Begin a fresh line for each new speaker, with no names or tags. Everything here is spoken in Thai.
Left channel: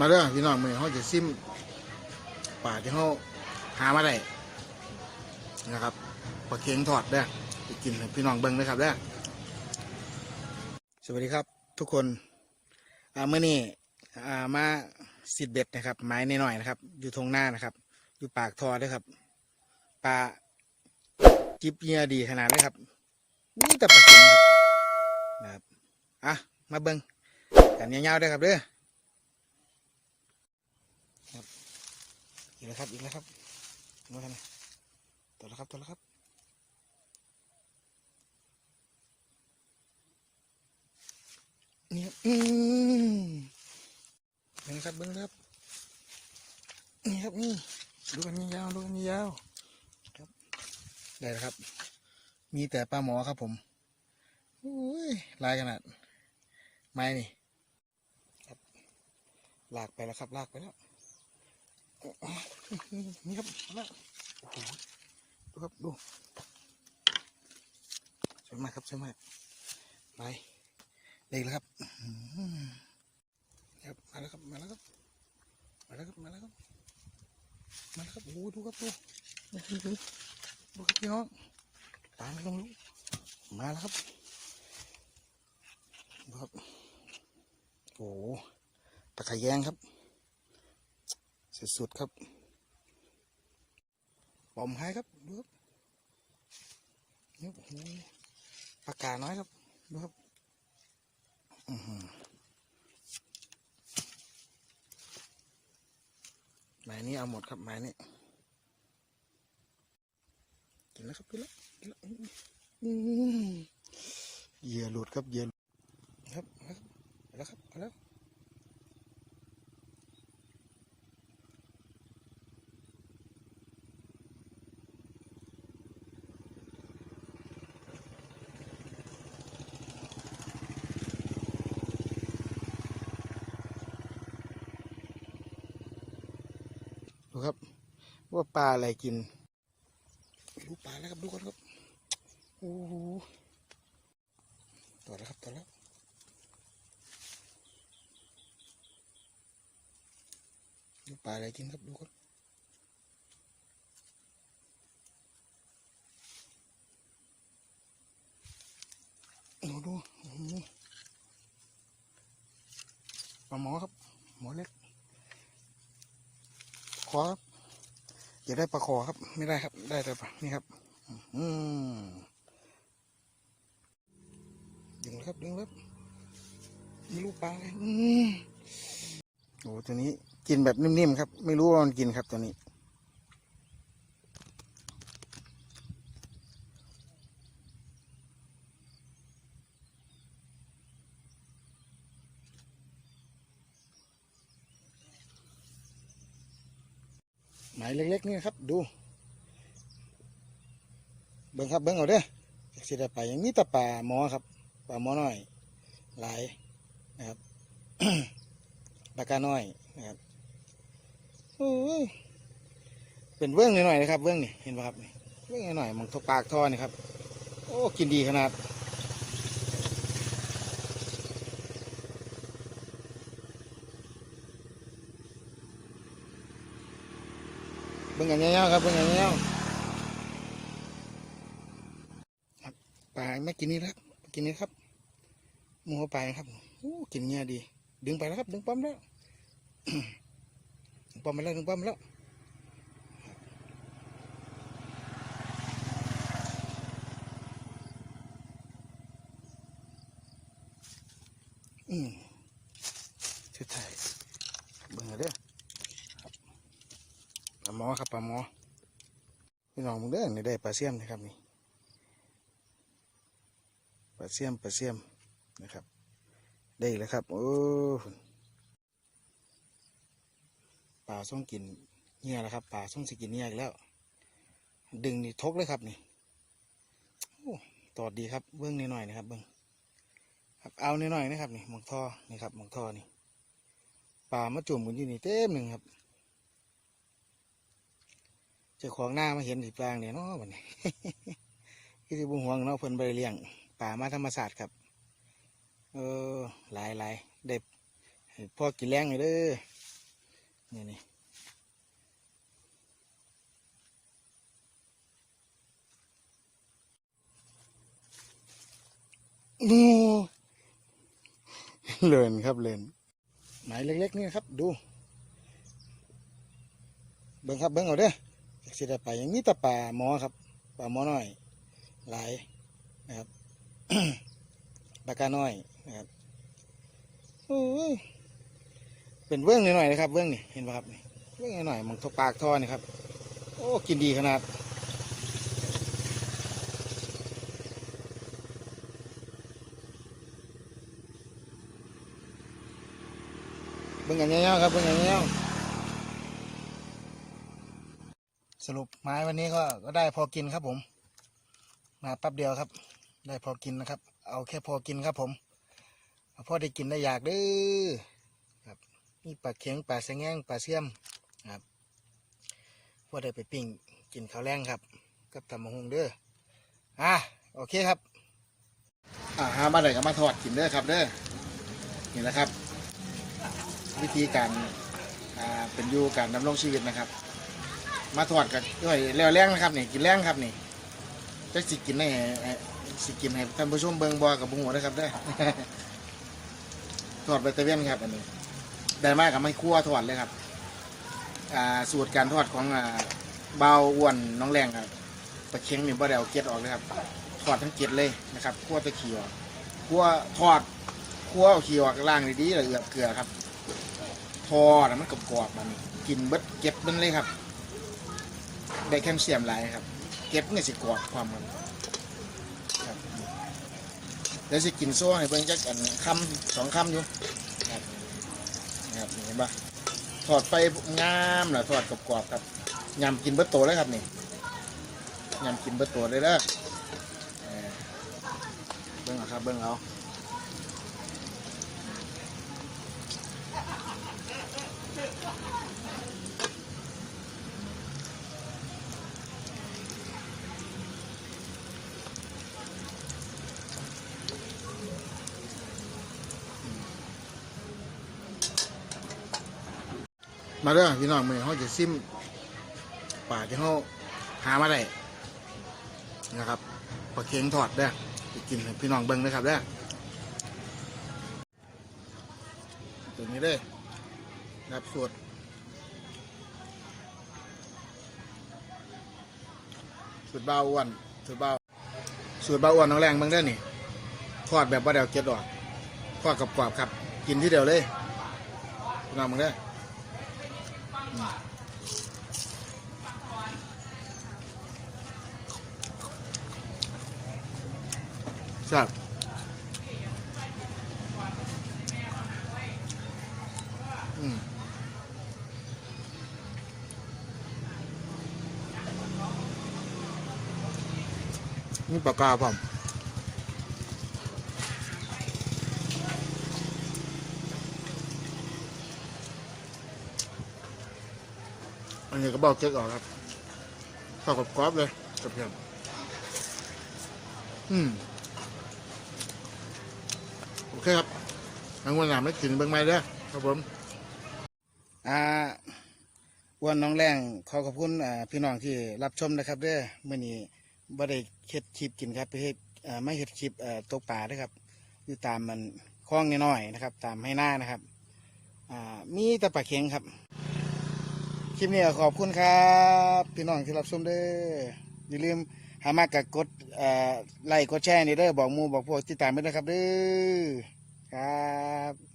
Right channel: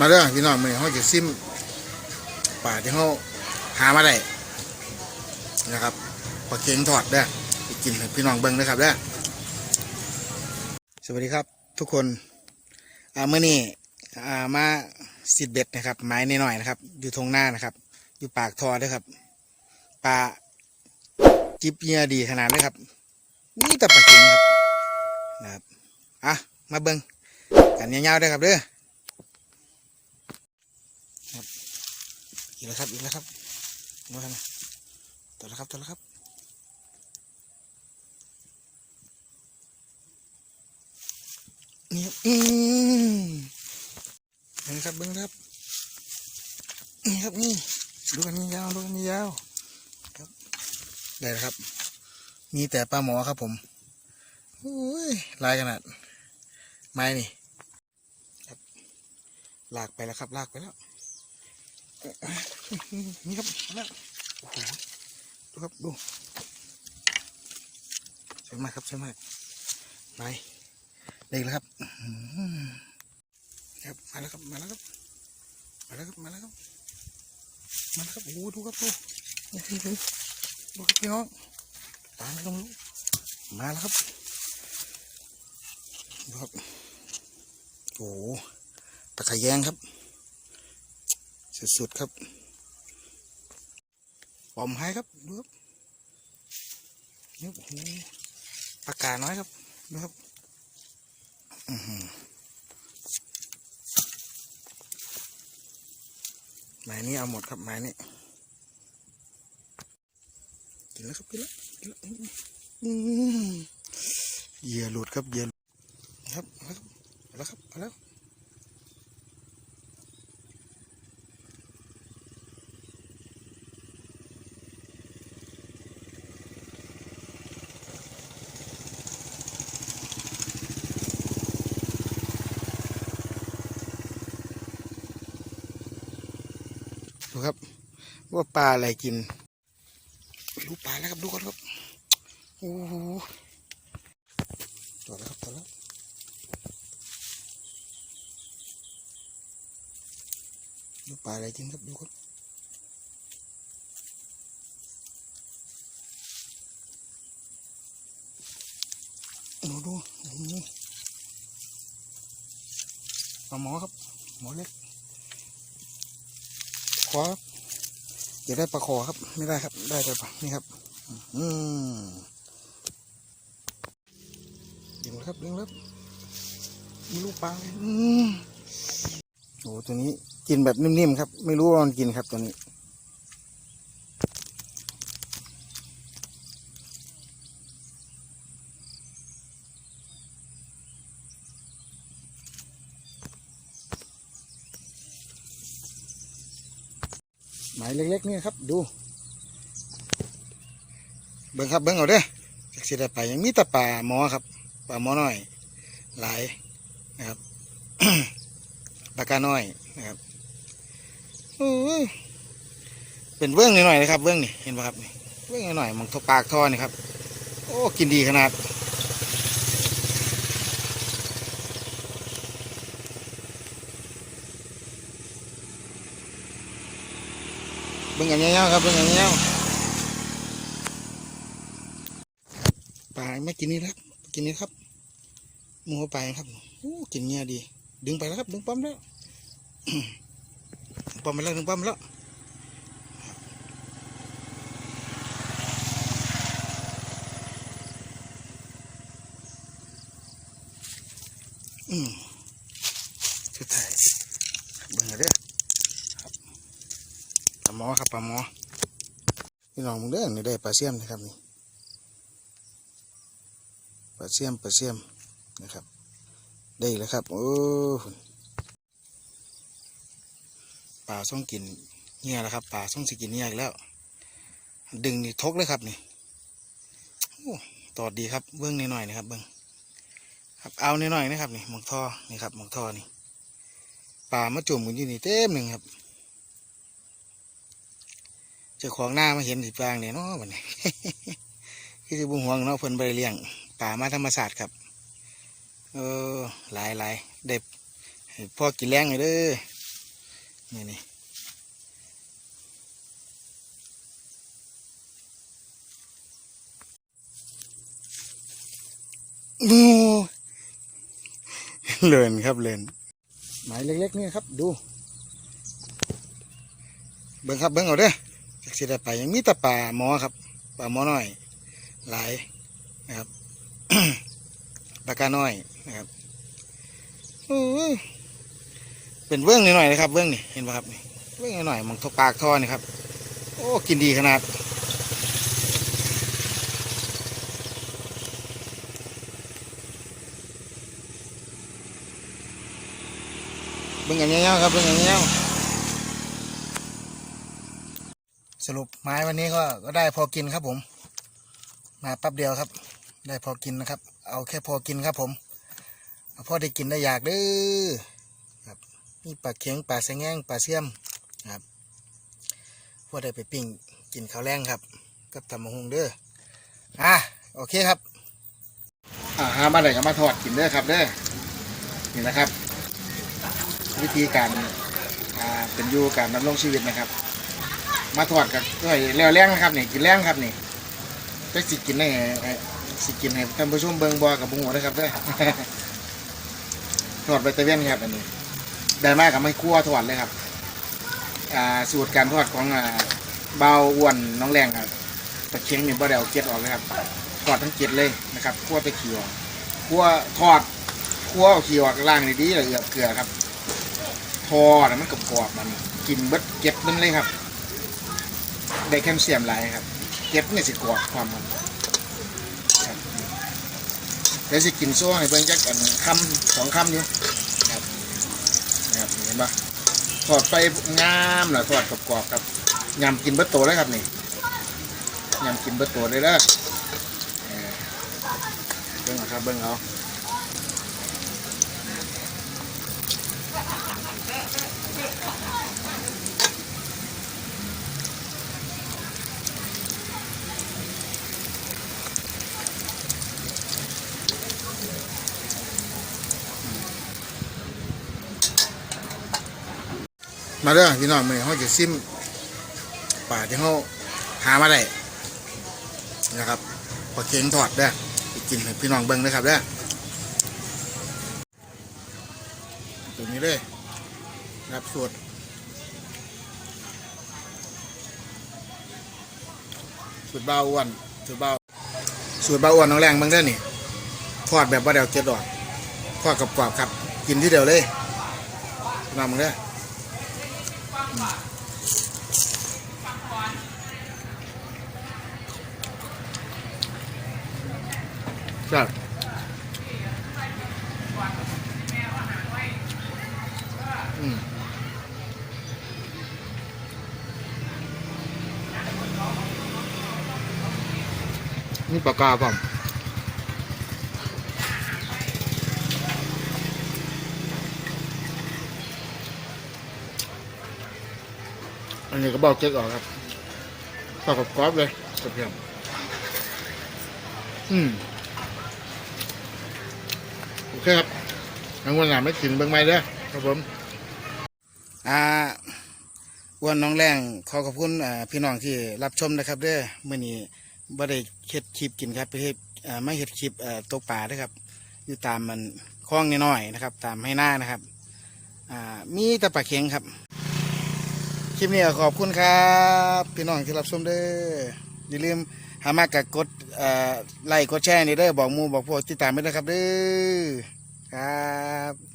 มาเด้องพี่น้องมื้อเฮาจะซิมป่าที่เฮาหามาได้นะครับปลาเค็งทอดเด้กินพี่น้องเบิ่งนะครับเด้สวัสดีครับ ทุกคนอ่ามื้อนี้อ่ามาสิดเบ็ดนะครับ ไม้น้อยนะครับ อยู่ทงหน้านะครับ อยู่ปากทอด้อครับปลาจิบเงียดีขนาดเลยครับนี่แต่ปลาเค็งนะครับอะมาเบิ่งกันยาวๆด้อครับเด้อ อีกแล้วครับอีกแล้วครับมาครับต่อแล้วครับต่อแล้วครับนี่ครับอืมนี่ครับเบิ้งครับนี่ครับนี่ดูกันนี่ยาวดูกันนี่ยาวครับได้ครับ มีแต่ปลาหมอครับผมโอ้ยลายขนาดไม้นี่ลากไปแล้วครับ ลากไปแล้ว นี่ครับมาโอ้โหดูครับดูใช่มากครับใช่มากไปเด็กแล้วครับครับมาแล้วครับมาแล้วครับมาแล้วครับมาแล้วครับมาแล้วครับโอ้ดูครับดูดูครับพี่น้องตามลงมาแล้วครับดูครับโอ้โหตะไคร้แยงครับ สุดๆครับปอมให้ครับดูครับนี่โอ้โหปากกาน้อยครับดูครับอือหือไม้นี้เอาหมดครับไม้นี้กินแล้วครับกินแล้วเหยื่อหลุดครับเหยื่อหลุดครับแล้วครับแล้ว ว่าปลาอะไรกินรู้ปลาแล้วครับดูก่อนครับโอ้โหต่อแล้วครับต่อแล้วดูปลาอะไรกินครับดูครับดูดูโอ้โหปลาหมอครับหมอเล็กขอ อยาได้ปลาคอครับ ไม่ได้ครับ ได้แต่ปลานี่ครับ อืมดึงครับดึงครับมีลูกปลาอืมโอ้ตัวนี้กินแบบนิ่มๆครับ ไม่รู้ว่ามันกินครับตัวนี้ หมายเล็กๆนี่ครับ ดู เบิ้งครับเบิ้งเอาเด้อจากสิได้ไปยังมีแต่ป่าหมอครับป่าหมอน้อย หลายนะครับปากาน้อยนะครับโอ้ยเป็นเบื้องหน่อยๆนะครับเบื้องนี่เห็นป่ะครับเบื้องหน่อยๆมองทปากท่อนี่ครับ โอ้กินดีขนาด บิ่งกันยครับเบิ่างกันยปลาไม่กินนี่แล้วกินนี่ครับมูปลาครับโอ้กินเงี้ยดี ดึงไปแล้วครับ ดึงปั๊มแล้วปั๊มไปแล้วดึงปั๊มแล้วอืมสุดท้ายเบิ่งเอาเด้อ ปลาหมอครับปลาหมอ พี่น้องมึงเด้อนี่ได้ปลาเสียมนะครับนี่ปลาเสียมปลาเสียมนะครับ ได้แล้วครับ โอ้ปลาส่องกินเงี้ยแล้วครับปลาส่องสิกินเงี้ยอีกแล้ว ดึงนี่ทกเลยครับนี่โอ้ตอดดีครับเบื้องนิดหน่อยนะครับเบื้องครับเอานิดหน่อยนะครับนี่หมองท่อนี่ครับหมองท่อนี่ปลามาจุ่มกันอยู่นี่เต็มหนึ่งครับ เจ้าของหน้ามาเห็นสิปางเนี่ยเนาะบัดนี้คือจะบุญห่วงเนาะเพิ่นไปเลี้ยงป่ามาธรรมศาสตร์ครับเออหลายหลายเด็บพ่อกินแรงเลยเด้อนี่นี่โอ้เลินครับเลินหมายเล็กๆนี่ครับ ดู เบิ้งครับเบิ้งเอาเด้อ สิได้ไปยังมีแต่ป่าหมอครับป่าหมอน้อย หลายนะครับปากาน้อยนะครับเป็นเบื้องนิดหน่อยนะครับเบื้องนี่เห็นป่ะครับนี่เบื้องนิดหน่อยมันทกปากท่อนี่ครับ โอ้กินดีขนาดเบื้องอย่างเงี้ยครับเบื้องอย่างเงี้ยาวๆส รุปไม้วันนี้ก็ก็ได้พอกินครับผม มาแป๊บเดียวครับ ได้พอกินนะครับ เอาแค่พอกินครับผมเอาพอได้กินได้อยากเด้อครับมีปลาเข็งปลาแสงงปลาเสี่ยมครับพอได้ไปปิ้งกินข้าวแรงครับกับตำมะฮุงเด้ออะโอเคครับอ่าหามาไหนก็มาทอดกินเด้อครับเด้อนี่นะครับ วิธีการอ่าเป็นอยู่การดำรงชีวิตนะครับ มาทอดกันด้วยแล้วแรงนะครับนี่กินแรงครับนี่ก็สิกินได้ไงสิกินให้ท่านผู้ชมเบิ่งบ่กับบุ้งหัวนะครับด้วยทอดใบตะเวนครับอันนี้ได้มากกับไม่คั่วทอดเลยครับอ่าสูตรการทอดของอ่าเบาอ้วนน้องแรงครับตะเคียงนี่บ่ได้เอาเกล็ดออกเลยครับทอดทั้งเกล็ดเลยนะครับคั่วตะเขี้ออกคั่วทอดคั่วเอาขี้ออกล่างในี่ดีเลยเอือเกลือครับทอดมันกรอบๆมันกินเบิดเก็บมันเลยครับ ได้แคลเซียมหลายครับ เก็บนี่สิกรอบความมันครับเดี๋ยวสิกินซ่ให้เบิ่งจักอันคำสองคำอยู่ครับนะครับเห็นปะทอดไปงามเหรอทอดกรอบๆครับยำกินเบิดโตเลยครับนี่ยำกินเบิดโตเลยเด้อเออเบิ่งเอาครับเบิ่งเอา มาเด้อพี่น้องมื้อนี้เฮาจะซิมป่าที่เฮาหามาได้นะครับปลาเค็งทอดเด้กินให้พี่น้องเบิ่งเด้อครับเด้อตัวนี้เลยรับสูตรสูตรเบาอ้วนสูตรเบาสูตรเบาอ้วนน้องแรงเบิ่งเด้อนี่ทอดแบบบ่ได้เอาเกล็ดออกทอดกรอบๆครับ กินที่เดียวเลยน้องมึงเด้อ ใช่อืมนี่ปากกาผม นนี้ก็บอกเจ๊กออกครับปอกกับกรอบเลยกับเพียมอืมโอเคครับทางวันหลังไม่กินเบิ่งไม่เด้อครับผมอ่าอ้วันน้องแรงขอขอบคุณพี่น้องที่รับชมนะครับ เด้อมื่อนี้บ่ได้เฮ็ดคลิปกินครับไปเฮ็ดไม่เฮ็ดคลิปตกปลาด้อครับ อยู่ตามมันคล้องน้อยๆนะครับ ตามให้หน้านะครับอ่ามีต่ปลาเค็งครับ คลิปนี้ขอบคุณครับ พี่น้องที่รับชมเด้ออย่าลืมหามากกับกดไลค์กดแชร์นี่เด้อบอกมูบอกพวกติดตามไปด้วยครับเด้อครับ